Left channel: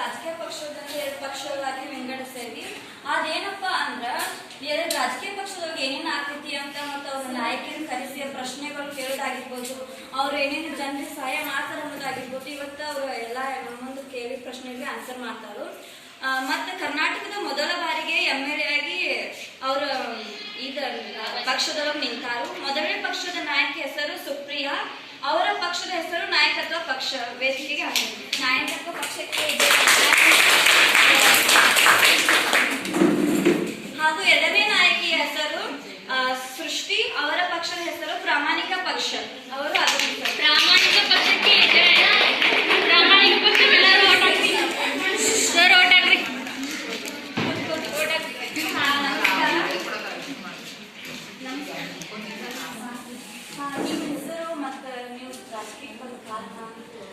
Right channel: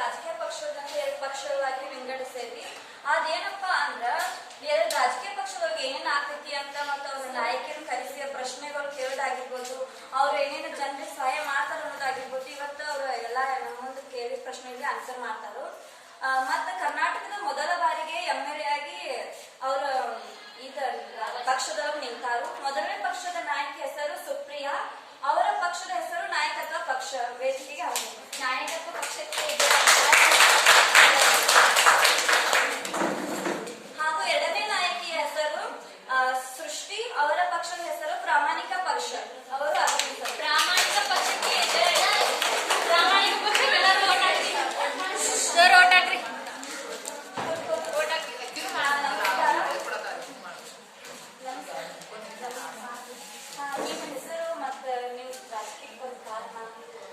ರಾಜಕೀಯ ಪಕ್ಷದಲ್ಲಿ 2 ಪಕ್ಷಗಳಾಗಿ ವಿಂಗಡಿಸ್ತೇವಿ. ಅದೇನಪ್ಪಾ ಅಂದ್ರ ರಾಜಕೀಯ ಪಕ್ಷದೊಳಗೆ ಏನೇನ್ ಆಗ್ತೈತಿ ಅಂತ ಮತ್ತು ಅವ್ರ ನಾಯಕರನ್ನ ಕರೆಸಿ ಪ್ರಶ್ನೆಗಳು ಕೇಳೋದಾಗಿರ್ಬೋದು, ಅವ್ರು ಏನೇನು ಜನರಿಗೆ ಸಹಾಯ ಮಾಡ್ತಾರ ಅನ್ನೋದಾಗಿರ್ಬೋದು. ಇವತ್ತು ಅವ್ರು ಎಲ್ಲ ನಮ್ಮ ಮುಂದೆ ಕೇಳಿ ಪ್ರಶ್ನೆಗೆ ಆನ್ಸರ್ ಮಾಡ್ತಾರು. ಮತ್ತ ಕರ್ನಾಟಕದ ಮೊದಲ ಬಾರಿಗೆ MLA ಆಗಿ ಅವ್ರ ಪಕ್ಷದೊಳಗೆ ನಿಂತಾರು. ಮೊದಲನೇ ಪಕ್ಷದ ನಾಯಕಿ ಹೆಸರು ಸುಪ್ರಿಯಾ. ಅವರ ಪಕ್ಷದ ಹೆಸರು ನಾಯಕತ್ವ ಪಕ್ಷ ವೇದಿಕೆಗೆ ಆಗಿದೆ. ನಾಯಕತ್ವ ಪಕ್ಷಕ್ಕೆ ಹಾಗೂ 2ನೇ ನಾಯಕಿಯ ಹೆಸರು ಸೃಷ್ಟಿ. ಅವರ ಪಕ್ಷದ ಹೆಸರು ಪ್ರಾಮಾಣಿಕ ಪಕ್ಷ. ಅವರು ಆಗಮಿಸಿದರು. ಪ್ರಾಮಾಣಿಕ ಪಕ್ಷಕ್ಕೆ ಪ್ರಾಮಾಣಿಕ ಪಕ್ಷಕ್ಕೆಲ್ಲರೂ ಓಟ್ ಹಾಕಿ ಸರ್, ಓಟ್ ಹಾಕ್ರಿ. ನಿಮ್ಮ ಹೆಸರು ಮತ್ತು ನೀವು ರಾಜಕೀಯ ಕಾರಣ?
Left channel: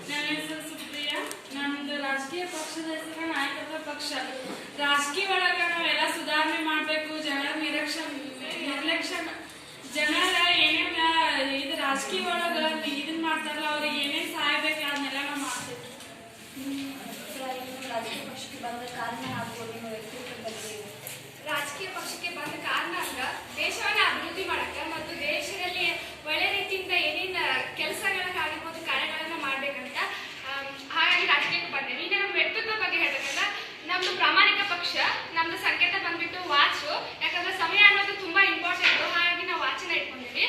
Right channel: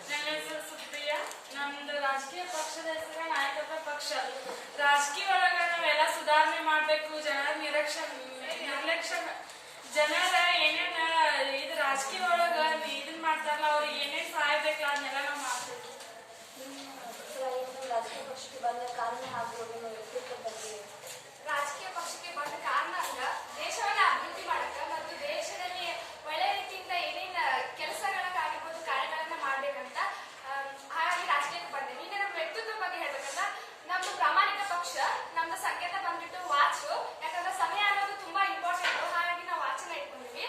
ನನ್ನ ಹೆಸರು ಸುಪ್ರಿಯಾ. ನಮ್ದು ರಾಜಕೀಯ ಪಕ್ಷದ ಹೆಸರು ನಾಯಕತ್ವ ಪಕ್ಷ. ರಾಜಕೀಯ ಒಳಗ ನಾವೆಲ್ಲ ಸುಧಾರಣೆ ಮಾಡ್ಬೇಕು. ಜನರ ನಿರ್ಲಕ್ಷ್ಯ ಜನರ ಏನೇನ ಇದು ರಾಜಕೀಯ ಒಳಗ ಇದನ್ ಮಾಡ್ತಾರಲ್ಲ, ಅವ್ರಿಗೆ ಏನೇನ್ ಸಹಾಯ ಬೇಕಲ್ಲ ಅದನ್ನೆಲ್ಲ ನಾವು ಮಾಡ್ಬೇಕು. ರಾಜಕೀಯ ಪಕ್ಷಕ್ಕೆ ಬಂದ ಕಾರಣ ಹಾಗೂ ನಿಮ್ಮ ವ್ಯಕ್ತಿತ್ವ ಬಗ್ಗೆ? ರಾಜಕೀಯ ಪಕ್ಷಕ್ಕೆ ಬಂದ ಕಾರಣ ಅಂದ್ರೆ ದೇಶವನ್ನ ಅಭಿವೃದ್ಧಿ ಮಾಡಕ್ಕೆ ಮತ್ತು ದೇಶದಲ್ಲಿ ಒಳ್ಳೆ ರೀತಿಯಿಂದ ಏನೇನು ಕೆಲಸಗಳನ್ನಾಗಿರ್ಬೋದು, ಕಾರ್ಯಗಳನ್ನ ಮಾಡ್ಬೇಕಂತ ಹಾಗಾಗಿ ರಾಜಕೀಯಕ್ಕೆ ಬಂದೇವೆ. ಈಗ ನಮ್ಮ ವ್ಯಕ್ತಿತ್ವ ಬಗ್ಗೆ ಹೇಳ್ಬೇಕಂದ್ರೆ ನಮ್ದು ಪ್ರಾಮಾಣಿಕ ಪಕ್ಷ. ನಮ್ದು ಸಂಕೇತ ಬಂದ್ಬಿಟ್ಟು ವಾಚು. ಯಾಕಂದ್ರೆ ಸಮಯ ಅನ್ನೋದು ತುಂಬಾ ಇಂಪಾರ್ಟೆಂಟ್, ಹಾಗಾಗಿ ನಾವು ವಾಚನ್ನ ಇಟ್ಕೊಂಡಿವಿ.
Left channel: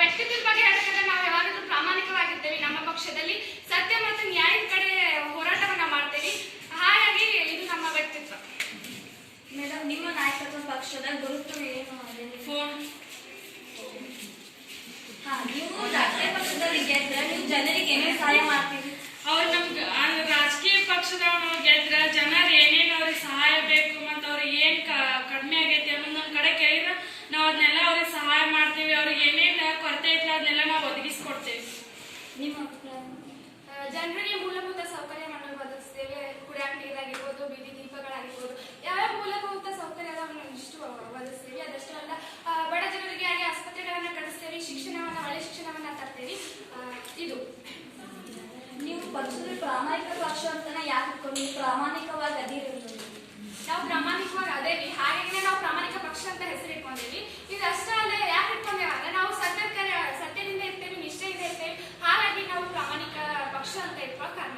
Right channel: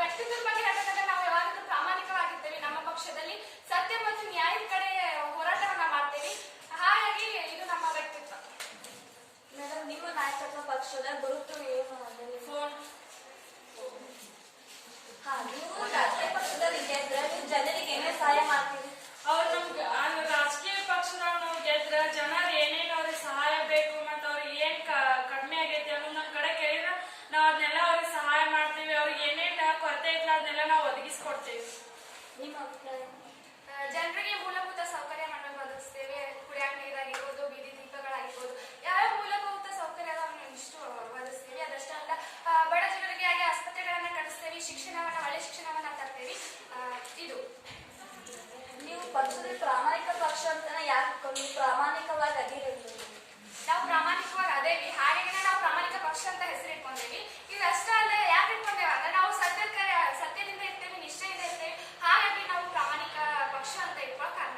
ವ್ಯಕ್ತಿತ್ವದ ಬಗ್ಗೆ ಹೇಳ್ಬೇಕಂದ್ರೆ ನಾವು ಯಾವಾಗಲೂ ಪ್ರಾಮಾಣಿಕವಾಗಿರ್ತೇವೆ. ನಮ್ಮ ಪಕ್ಷದಲ್ಲಿ ಸತ್ಯ ಮತ್ತು ನ್ಯಾಯದ ಕಡೆ ಹೋರಾಟವನ್ನ ಮಾಡ್ತೇವೆ. ಹಾಗಾಗಿ ಇದು ನಮ್ಮ ವ್ಯಕ್ತಿತ್ವ. ಮೇಡಮ್, ನಿಮ್ಮ ನಾಯಕತ್ವ ಪಕ್ಷದ ಗುರುತು ಏನು? ಫೋನ್. ನೀವು ರಾಜಕೀಯ ಪಕ್ಷದಲ್ಲಿ ಗೆದ್ರ ನೀವು ಜನರಿಗೆ ಏನೇನು ಸಹಾಯ ಮಾಡ್ತೀವಿ? ಅವ್ರು ನಮ್ಗೆ ರಾಜಕೀಯ ಪಕ್ಷದವ್ರು ಗೆದ್ರ ಜನರು ಏನೇನು ಅವ್ರಿಗೆ ಸಹಾಯ ಬೇಕು ಮತ್ತು ಅವ್ರಿಗೆ ಏನ್ ಕಡಿಮೆ ಆಗೈತಿ ಅನ್ನೋದು ನಮ್ಮ ಕಡೆ ಕೇಳಿದ್ರೆ ನಾವು ಅದನ್ನೆಲ್ಲ ಅವ್ರಿಗೆ ಸಹಾಯ ಮಾಡ್ತೀವಿ. ಅವ್ರಿಗೆ ಏನೇನು ಕೊರತೆ ಐತಿ ಅದನ್ನೆಲ್ಲ ನಾವು ಒದಗಿಸ್ಕೊಡ್ತೇವೆ. ನಿಮ್ಮ ಅಭಿಪ್ರಾಯ? ಜನರಿಗೆ ಮೂಲಭೂತ ಸೌಕರ್ಯವನ್ನು ಒದಗಿಸ್ತೇವೆ. ಕುಡಿಯಾಕ ನೀರಾಗಿರ್ಬೋದು, ಬೀದಿ ದೀಪಗಳಾಗಿರ್ಬೋದು, ಯಾವ್ಯಾವ ಮೂಲಭೂತ ಸೌಕರ್ಯವನ್ನು ಇಷ್ಟು ಒದಗಿಸ್ತೇವೆ. ಅದಷ್ಟೇ ಅಲ್ಲ, ಬಡ ಜನರಿಗೆ ಹಾಗೆ ಆಸ್ಪತ್ರೆಗಳನ್ನ ಕಟ್ಟಿಸ್ತೇವೆ. ಒಳ್ಳೆ ಶಿಕ್ಷಣವನ್ನ ತರ್ತೇವೆ. ಇದು ನೀವು ಪಕ್ಷದಲ್ಲಿ ಪ್ರಾಮಾಣಿಕ ಪಕ್ಷ ಅಂತಾನೆ ಯಾಕೆ ಇಟ್ಕೊಂಡು ನೀವು ಪ್ರಾಮಾಣಿಕವಾಗಿ ಅದಿರೋದು? ನಾವು ಪ್ರಾಮಾಣಿಕವಾಗಿ ಅದೇವಿ, ಹಾಗಾಗಿ ನಾವು ಪ್ರಾಮಾಣಿಕ ಪಕ್ಷ ಅಂತ ಹೆಸರು ಇಟ್ಕೊಂಡೇವಿ. ಇದಷ್ಟೇ ಅಲ್ಲೇ ಯಾಕೆ ಇಟ್ಕೊಂಡೇವೆ ಅಂದ್ರೆ ನಾವು ಸತ್ಯದಿಂದ ಇರ್ತೇವೆ, ನಿಷ್ಠೆಯಿಂದ ಇರ್ತೇವೆ. ಹಾಗಾಗಿ ನಾವು ಪ್ರಾಮಾಣಿಕ ಪಕ್ಷ ಅಂತ ಇಟ್ಕೊಳ್ಳೋ ಕಾರಣ.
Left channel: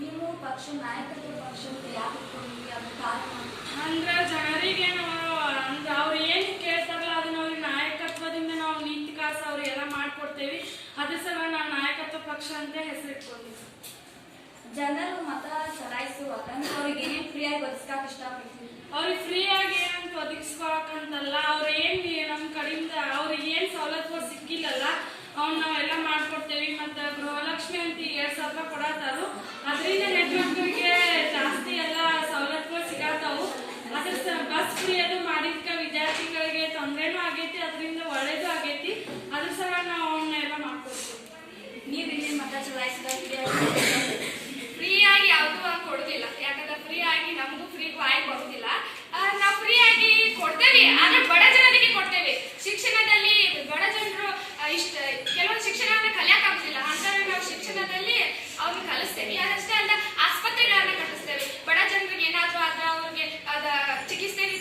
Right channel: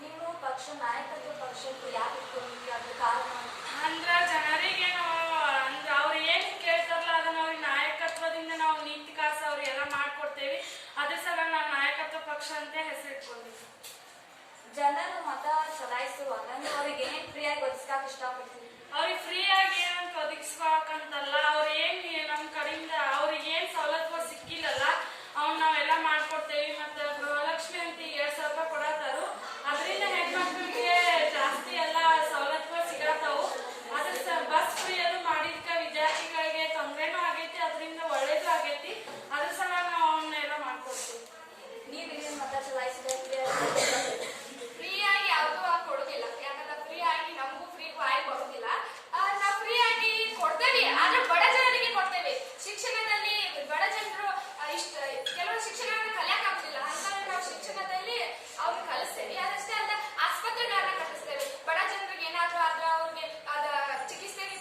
ನೀವು ಪಕ್ಷ ನಾಯಕತ್ವ ಪಕ್ಷ ಅಂತ ಯಾಕೆ ಇಟ್ಕೊಂಡಿದ್ರಿ? ಅದು ಕಾರಣ ಅಂದ್ರ ಜನರಿಗೆ ನಾವು ಅಂದ್ರ ಅವ್ರು ಏನ್ ಕೇಳ್ತಾರಲ್ಲ ಅದನ್ನ ಅವ್ರಿಗೆ ನಾಯಕತ್ವದಿಂದ ನಾವು ನೀತಿ ಕಾಸ ಅವ್ರಿಗೆಲ್ಲ ಮಾಡ್ಕೊಡ್ತೇವಿ. ಅದ್ರ ಸಲ ನಾವು ನಾಯಕತ್ವ ಪಕ್ಷ ಅಂತ ಹೆಸರಿಟ್ಕೊಂಡಿವಿ. ಜನರು ಮತ ಚಲಾಯಿಸುವಾಗ ನೀವು ಅವ್ರಿಗೆ ಏನೇನು ಫ್ರೀಯಾಗಿ ಒದಗಿಸ್ಕಾಕ ಇಷ್ಟಪಡ್ತೀವಿ? ಅವ್ರಿಗೆ ಫ್ರೀ ಆಗಿ ಏನಂತ ಒದಗಿಸ್ಕೊಳಕಂತಲ್ಲ, ಅವ್ರ ಏನ್ ನಮ್ ಕಡೆಯಿಂದ ಅವ್ರಿಗೆ ಏನ್ ಸವಲತ್ತು ಸಿಕ್ಕಿಲ್ಲಲ್ಲ ಅವ್ನ ನಾವೆಲ್ಲ ಮಾಡ್ಕೊಡ್ತೇವಿ. ಮತ್ತ ಗೃಹಲಕ್ಷ್ಮಿ ಅಂತ 2,000 ರೂಪಾಯಿ ಕೊಡತಾರು. ಅದರಿಂದ ಹೆಣ್ಮಕ್ಳಿಗೆ ಜಾಸ್ತಿ ಎಲ್ಲ ಸವಲತ್ತುಗಳು ಸಿಗತಾವು. ಅದ್ರ ಬಸ್ ಫ್ರೀ ಅದು ಮಾಡಿದ್ಕ ವಿದ್ಯಾರ್ಥಿಗಳಿಗೆ ತೊಂದರೆನೂ ಆಗೈತಿ, ಅದರಿಂದ ಒಳ್ಳೇದು ಆಗೈತಿ. ಅದ್ರ ಸಲ ನಾವು ಅವನ್ನೆಲ್ಲ ಮಾಡ್ಕೊಡ್ತೀವಿ. ನೀವು ಇಲ್ಲಿ ಮತ ಚಲಾಯಿಸಿದ್ರೆ ಫ್ರೀ ಆಗಿ ಯಾವ್ದು ಕೊಡುದಿಲ್ಲ. ಯಾಕಂದ್ರೆ ಫ್ರೀ ಆಗಿ ನಮಗೂ ಫ್ರೀಗೂ ಆಗಿ ಬರುದಿಲ್ಲ. ನಾವು ಫ್ರೀ ಆಗಿ ಕೊಡ್ತೇವೆ, ಆದ್ರೆ ಬಡ ಜನರಿಗೆ ಕೊಡ್ತೇವೆ. ಶಿಕ್ಷಣದಲ್ಲಿ ಬಡ ಜನರು ಕೆಲವೊಂದು ಶಿಕ್ಷಣವನ್ನ ಕಲಿಯಕ್ ಆಗುದಿಲ್ಲ, ಅಂತೇಳಿ ನಾವು ಶಿಕ್ಷಣದಲ್ಲಿ ಅವ್ರಿಗೆ ಕಲಿಸ್ತೇವೆ. ಅದಷ್ಟೇ ಅಲ್ಲ, ಆಸ್ಪತ್ರೆಗಳನ್ನ ಕಟ್ಟಿಸ್ತೇವೆ. ಬಡ ಜನರಿಗೆ ಏನಾದ್ರೂ ಆದ್ರೆ ಅವ್ರಿಗೆ ಚಿಕಿತ್ಸೆಗೆ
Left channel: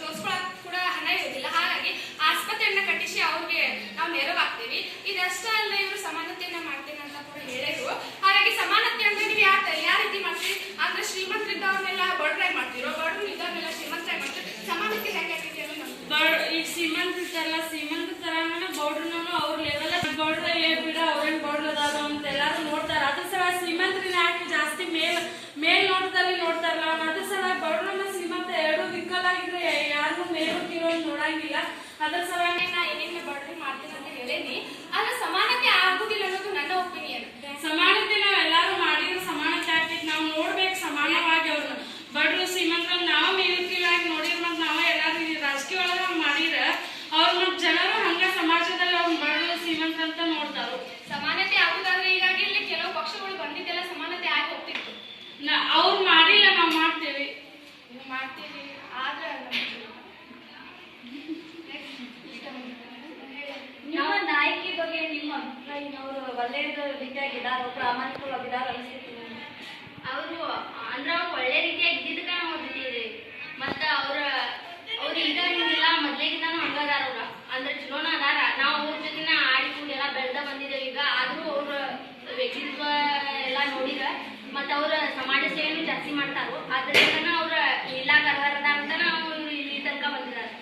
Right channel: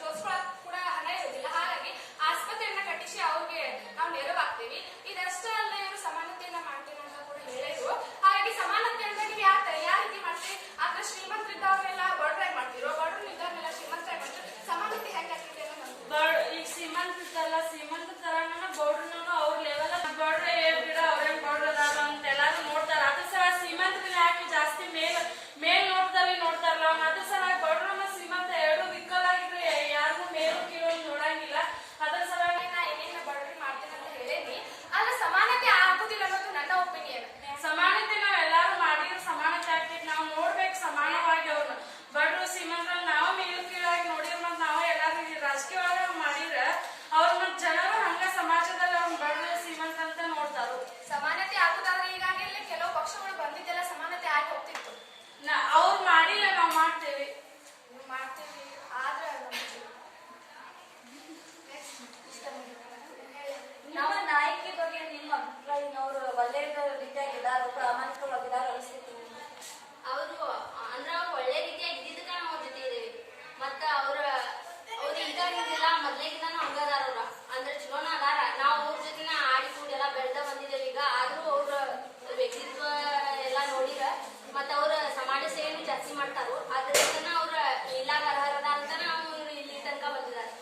ತೋರಿಸ್ಕೊಳಕ್ ಕೂಡ ಹಣ ಇರುವುದಿಲ್ಲ. ಹಾಗಾಗಿ ಆಸ್ಪತ್ರೆಯನ್ನ ಕಟ್ಟಿಸಿ ಅವ್ರಿಗೆ ನಾವು ನೆರವಾಗ್ತೇವೆ. ಇದಷ್ಟೇ ಅಲ್ಲ, ಇವರು ಸಮಾನತೆಯನ್ನ ಮಾಡ್ತೇನೆ ಅಂತ ಕೂಡ ಹೇಳಿದ್ರು. ಹಾಗಾಗಿ ಸಮಾನತೆ ಅಂದ್ರೆ ನೀವು ಯಾವ ರೀತಿ ಮಾಡ್ತೀವಿ ಅಂದ್ರೆ ಶ್ರೀಮಂತರಿದ್ದವ್ರನ್ನೆಲ್ಲ ಬಡರಾಗಿ ಮಾಡ್ತಿರೋ, ಬಡವರು ಇದ್ದವ್ರನ್ನೆಲ್ಲ ಶ್ರೀಮಂತರಾಗಿ ಮಾಡ್ತೀವಿ. ಸಮಾನತೆ ಹೇಗೆ ಆಗ್ತೈತಿ ಅಂದ್ರೆ ಈಗ ಶ್ರೀಮಂತ ಇರ್ತಾರಲ್ಲ, ಶ್ರೀಮಂತ ತರಾನ ಬೌಡ್ರನು ಅವ್ರ ಲೆವೆಲ್ ಬೌಡ್ರ ಬಿಡ ಅವ್ರೇನ್ ಬೌಡ್ರ ಅದಾರ ಅಂತ ಎಲ್ಲಾರು ನೋಡ್ತಾರ. ಅದ್ರ ಸಲ ಶ್ರೀಮಂತರನ್ನ ಯಾಕೆ ಜಾಸ್ತಿ ಮೇಲ್ ನೋಡ್ತಾರಲ್ಲ, ಅದ್ರ ಸಲ ಬೌಡ್ರನ್ನ ಶ್ರೀಮಂತ ಎರಡು ವಿಕಲ್ ಆಗಿದ್ರೆ ಯಾರು ಮೇಲು ಕೀಳೋ ನೋಡಂಗಿಲ್ಲ. ಅದ್ರ ಸಲ ಏನೇನು ಬಡವ್ರಿ ಮಾಡ್ತೀನಿ ಅಂತ ಹೇಳೇನಿ. ಆದ್ರೆ ಸಮಾನತೆ ಆಗುದಿಲ್ಲ ಅನ್ನೋದು ನನ್ನ ಒಪಿನಿಯನ್. ಸಮಾನತೆ ನಾವೆಲ್ಲಾರು ಮಾಡಿದ್ರೆ ಸಮಾನತೆ ಆಗ್ತೈತಿ. ನಾವು ನೋಡ್ಬೇಕು ಸಮಾನವಾಗಿ ಅವ್ರನ್ನ. ಬಡ್ರು ಶ್ರೀಮಂತರ ನಾವು ಮೇಲು ಕೀಳಾಗಿ ನೋಡಿರ್ ಮತ್ ನಾವ ಎಲ್ಲಾರು ರಾಜಕೀಯ ಒಳಗ ಮಾಡಿರ ಅವ್ರ ಮತ್ ಜನರು ಹಂಗ ಸಮಾಜದಲ್ಲಿ ಅವ್ನ ಬಡ್ರು ಶ್ರೀಮಂತ ಅಂತ ನೋಡ್ತಾರು. ಸಮಾನತೆ ಆಗುದಾದ್ರೆ ಈಗಾಗಿ ಇಲ್ಲಿ ಕೆಲವು ಪಕ್ಷಗಳು ಬಂದಿದ್ದೆಲ್ಲ ಸಮಾನತೆ ಆಗಿ ಹೋಗ್ತಿತ್ತು. ಅವ್ರು ಮಾಡಿಲ್ಲ, ನಾವು ಮಾಡ್ತೇವೆ. ನೀವು ಮಾಡ್ತೀವಿ ಆದ್ರೆ ನಿಮ್ಮ ನಾಯಕಿ ಬಗ್ಗೆ ನಿಮ್ಮ ಅಭಿಪ್ರಾಯ? ಮತ್ತು ಅವ್ರ ಸಮಾಜ ಸೇವೆನೂ ಜಾಸ್ತಿ ಮಾಡ್ತಾರೋ ಅದರಿಂದ ಅವ್ರ ಇಲಾಖ ಅರ್ಹರದ ಅಂತ ನಾವು ಇಲ್ಲಿ ತನಕ ಬಂದಿದ್ದಾರೆ.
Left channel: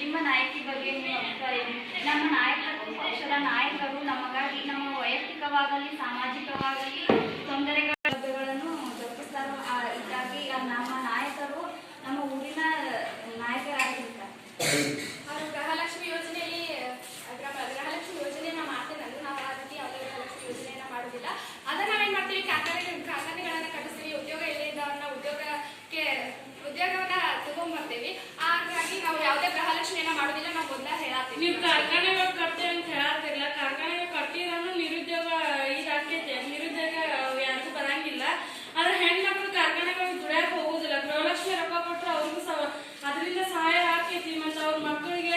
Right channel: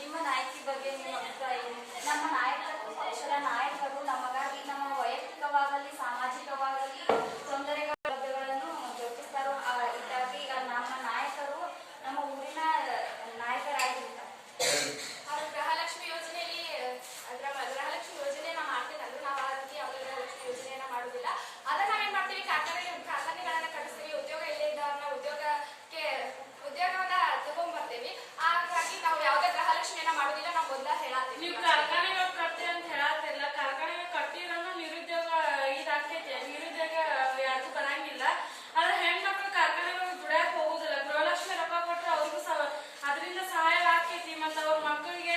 ನಿಮ್ಮ ನಾಯಕಿ ಬಗ್ಗೆ ನಿಮ್ಮ ಅಭಿಪ್ರಾಯ ಏನು? ನಮ್ಮ ನಾಯಕರು, ಪಕ್ಷದ ನಾಯಕರು ನಮಗಾಗಿ ನಮ್ಮ ವೈಯಕ್ತಿಕವಾಗಲಿ ಸಾಮಾಜಿಕವಾಗಲಿ ತೊಂದರೆಗಳನ್ನು ಜರುಗಿಸ್ತಾರೋ ಇದಾಗಿ ನಮ್ಮ ನಾಯಕರು ನಮ್ಮ ಊರಿನ ನಾಯಕರಾಗಿರ್ತಾರೆ. ಅವರು ಗೃಹಲಕ್ಷ್ಮಿ ಯೋಜನೆಯಲ್ಲಿ ಗೃಹಲಕ್ಷ್ಮಿ ಯೋಜನೆಯನ್ನ ಮಾಡ್ತೇವೆ. ನಾವು ಆ ರೀತಿ ಯಾವುದೇ ಗೃಹಲಕ್ಷ್ಮಿ ಯೋಜನೆಯನ್ನ ಮಾಡುವುದಿಲ್ಲ. ಅದನ್ನ ನಾವೇನ್ ಮಾಡ್ತೀವಿ, ಕಾರ್ಖಾನೆಗಳನ್ನ ಕಟ್ಟಿಸಿ ಉದ್ಯೋಗ ಇಲ್ಲೇ ಇದ್ದವ್ರನ್ನ ಉದ್ಯೋಗವನ್ನ ತಗೊಂಡ್ಬರ್ತೇವೆ. ಹಾಗಾಗಿ ನಾವು ಯಾವುದೇ ಗೃಹಲಕ್ಷ್ಮಿಯನ್ನ ಮಾಡುದಿಲ್ಲ. ನಾವು ಮೊದಲ ಹೇಳತ್ತೀವಿ, ನೀವು ಕಾರ್ಖಾನೆಗಳು ಕಟ್ತೇವೆ ಅಂತ ಹೇಳತ್ತಿಲ್ಲ. ಕಾರ್ಖಾನೆಗಳು ಕಟ್ಟಿದ್ರೂ ನಿರುದ್ಯೋಗ ಇದಾಕೈತಿ. ನಿರುದ್ಯೋಗ ಯಾರಿಗೂ ಬರಂಗಿಲ್ಲ. ಆದ್ರೆ ಹೆಣ್ಮಕ್ಳು ಕಾರ್ಖಾನೆಗಳಿಗೆ ದುಡಿಯಕ್ ಹೋಗುದಿಲ್ಲ. ಗೃಹಲಕ್ಷ್ಮಿ ರೊಕ್ಕ ಕೊಟ್ಟರೆ ಅವ್ರಿಗೂ ಅದರಿಂದ ಸಹಾಯ ಆಕೈತಿ. ಮತ್ತು ಅವ್ರ ಮಕ್ಕಳಿಗೆ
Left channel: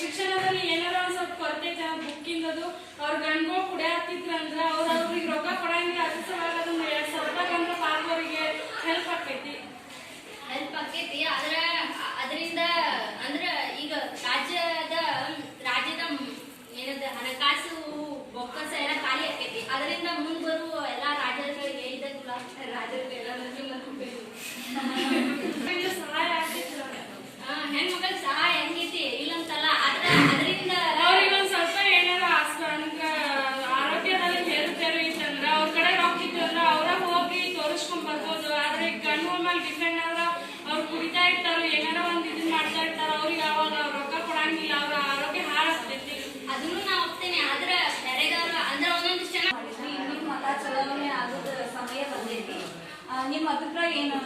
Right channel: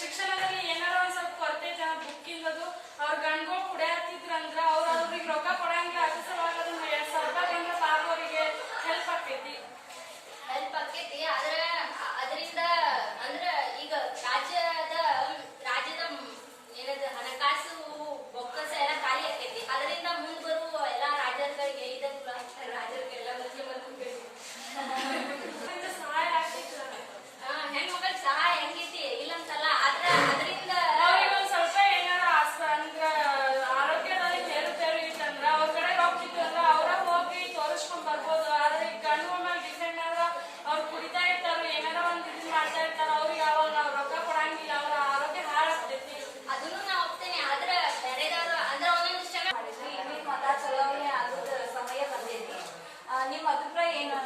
ಶಿಕ್ಷಣದಲ್ಲಿ ಏನಾರ ಒಂದ್ ಸ್ವಲ್ಪ ಕೊರತೆ ಐತೆ, ಬುಕ್ಕಿಂದದು ಅವ್ರ ಗಂಡ್ಗಳು ಕುಡಿಯತ್ತಿದ್ರಂದ್ರ ಅವ್ರಿಗೆ ರೊಕ್ಕ ಕೊಡಂಗಿಲ್ಲ. ಅದ್ರ ಸಲುವಾಗಿ ಅದನ್ನ 2000 ಅಂದ್ರೆ ಪಾಲ್ಗೋರಿಗೆ ಹೆಲ್ಪ್ ಆಕೈತಿ. ಆದ್ರೆ ಅದರಿಂದ ಅಂದ್ರ ಈಗ ರಾಜ್ಯದ ಏನದ ಹಣಕಾಸು ಬೊಕ್ಕಸ ಎಲ್ಲ ಖಾಲಿ ಆಕೈತಿ. ಅದರಿಂದ ಮುಂದೆ ಬರುವ ಎಲ್ಲ ರಾಜ್ಯಗಳಿಗೆ ರಾಜ್ಯಗಳಿಗೆಲ್ಲ ಮುಖ್ಯಮಂತ್ರಿಗಳು ಸಹಾಯ ಆಗ್ತೈತಿ. ಹೆಣ್ಮಕ್ಳಿಗೆ ಸಹಾಯ ಹೆಂಗೈತಿ ಇಲ್ಲಂತಲ್ಲ. ಅದರಿಂದ ಅವ್ರಿಗೆ ಒಂದ್ ಸ್ವಲ್ಪ ಏನಾರ ಅಂದ್ರ ಆರೋಗ್ಯದಲ್ಲಿ ಏರುಪೇರು ಇತ್ತಂದ್ರ ಅವ್ರ ಕಡೆ ರೊಕ್ಕ ಇತ್ತು ಅಂದ್ರ ಅವ್ರ ಹೋಗಿ ತೋರಿಸ್ಕೊಂಡ್ ಬರ್ಬೋದು. ಆದ್ರೆ ಈಗ ಗಂಡು ಮೇಲೆ ಡಿಪೆಂಡ್ ಆದ್ರ ಅವ್ರು ಕುಡಿತಾ ಇರ್ತಾರ, ಏನಾರ ಒಂದ್ ಇದನ್ ಮಾಡ್ತಾ ಇರ್ತಾರ. ಅವ್ರಿಗೆ ಅವಾಗ ರೊಕ್ಕ ಕೊಡಂಗಿಲ್ಲ, ಅವ್ರ ಆರೋಗ್ಯ ಹಾಳಾಗ್ತೈತಿ. ಅದನ್ನು ನಾ ಒಪ್ತೇನೆ. ಆದ್ರೆ ಬೇರೆದವ್ರು ಅಂದ್ರೆ ಒಂದೊಂದಿಷ್ಟು ಜನ ನಿಮ್ಮ ಮತ ಚಲಾವಣೆ ಆಗೋದ ಸಮಯ ಬಂದೈತಿ. ನಿಮ್ಮ ಅಭಿಪ್ರಾಯ ಏನು?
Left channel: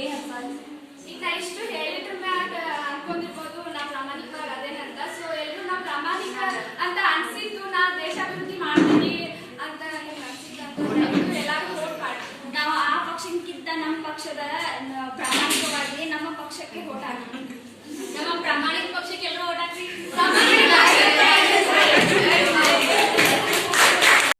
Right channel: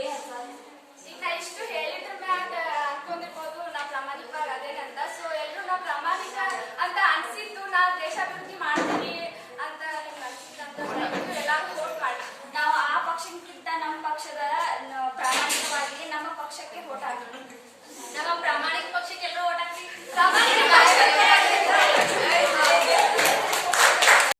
ಈಗ ನಾ ಇಷ್ಟು ಹೇಳಿದ್ರ ಮ್ಯಾಗ ಅನ್ಕೊಂಡಿರ್ಬೋದು ನಾ ಪ್ರಾಮಾಣಿಕ ಅದೇನಂತ. ಸೊ ಎಲ್ರು ನಾ ಪ್ರಾಮಾಣಿಕ ಅಂತ ಅನ್ಸಿದ್ದು, ನಾ ದೇಶಾಭಿವೃದ್ಧಿ ಮಾಡ್ತೀನಿ ಅಂತ ನಿಮ್ಗೆ ಅನ್ಸಿದ್ದಂತ ದಯವಿಟ್ಟು ಎಲ್ಲಾರು ವೋಟ್ ಮಾಡಿ. ನಾವು ಆ ಪಕ್ಷಕ್ಕಿಂತ ನಮ್ಮ ಪಕ್ಷದ ಪ್ರಾಮಾಣಿಕವಾಗಿ ನಮ್ಮ ಪಕ್ಷಕ್ಕೆ ವೋಟ್ ಹಾಕಿ. ನಮ್ಮ ಪ್ರಾಮಾಣಿಕ ಪಕ್ಷಕ್ಕೆ ಎಲ್ಲರೂ ಓಟ್ ಹಾಕ್ತೀವಿ. ಪ್ರಾಮಾಣಿಕ